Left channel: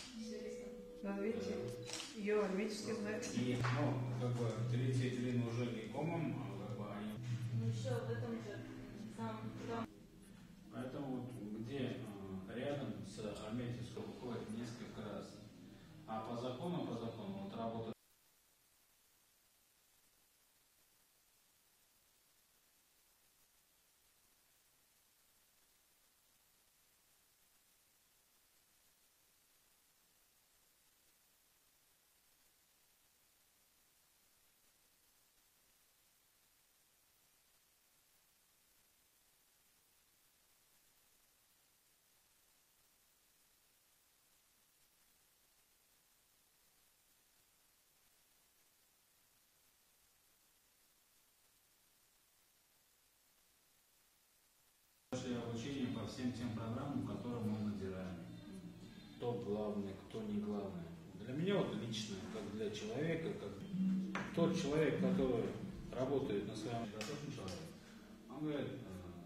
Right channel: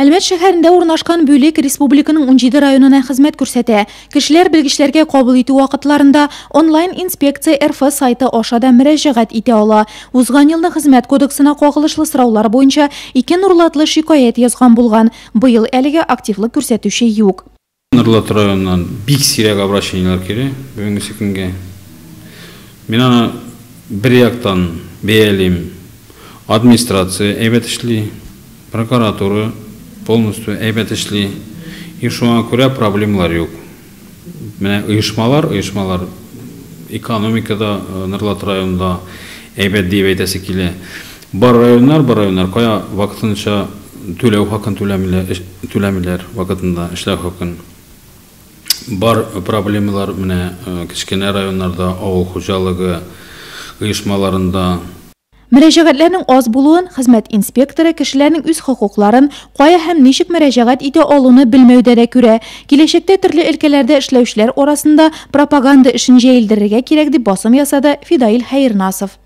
Әлмәт шәһәрендә урнашкан бөлек республиканың 17 районына хезмәт күрсәтә. Кешеләр белгечләргә кабул итү вакытларында онлайн инспекция РФ сайты аша да мөрәҗәгать итә ала. Узган елны хезмәт кодексына кагылышлы сораулар буенча 2 нурлатлы шикаят язган булган. Быел әлегә активлык күрсәтүче юк. Нурлат районынан бик сирәк обращениелар килә бүгенге көнгә. Мин аны бер яктан бәялим. Администрация әйбәт эшли, прокуратура полностью әйбәт эшли. И шуңа күрә проблемалар юк. Менә оешмалар экономикада Нурлат районында әйбәт дип әйтәсе килә. Бар районнар кая вакытынча түләү хакын түләмиләр вакытында эшләү хакын. Бар проблемалар менә кичкенә районнарда авыл хуҗалыгы оешмаларында. Мөрәҗәгатьләрнең аз булуын хезмәт инспекторы кешеләрнең үз хокукларын кая һәм ничек мөрәҗәгать итә алуны белмәүдә дә күрә. Киләчәктә төрле өлкәләрдә эшләүчеләр арасында пропаганда эшен җәелдерергә кирәк дип басым ясады Фидаил Хәернасов.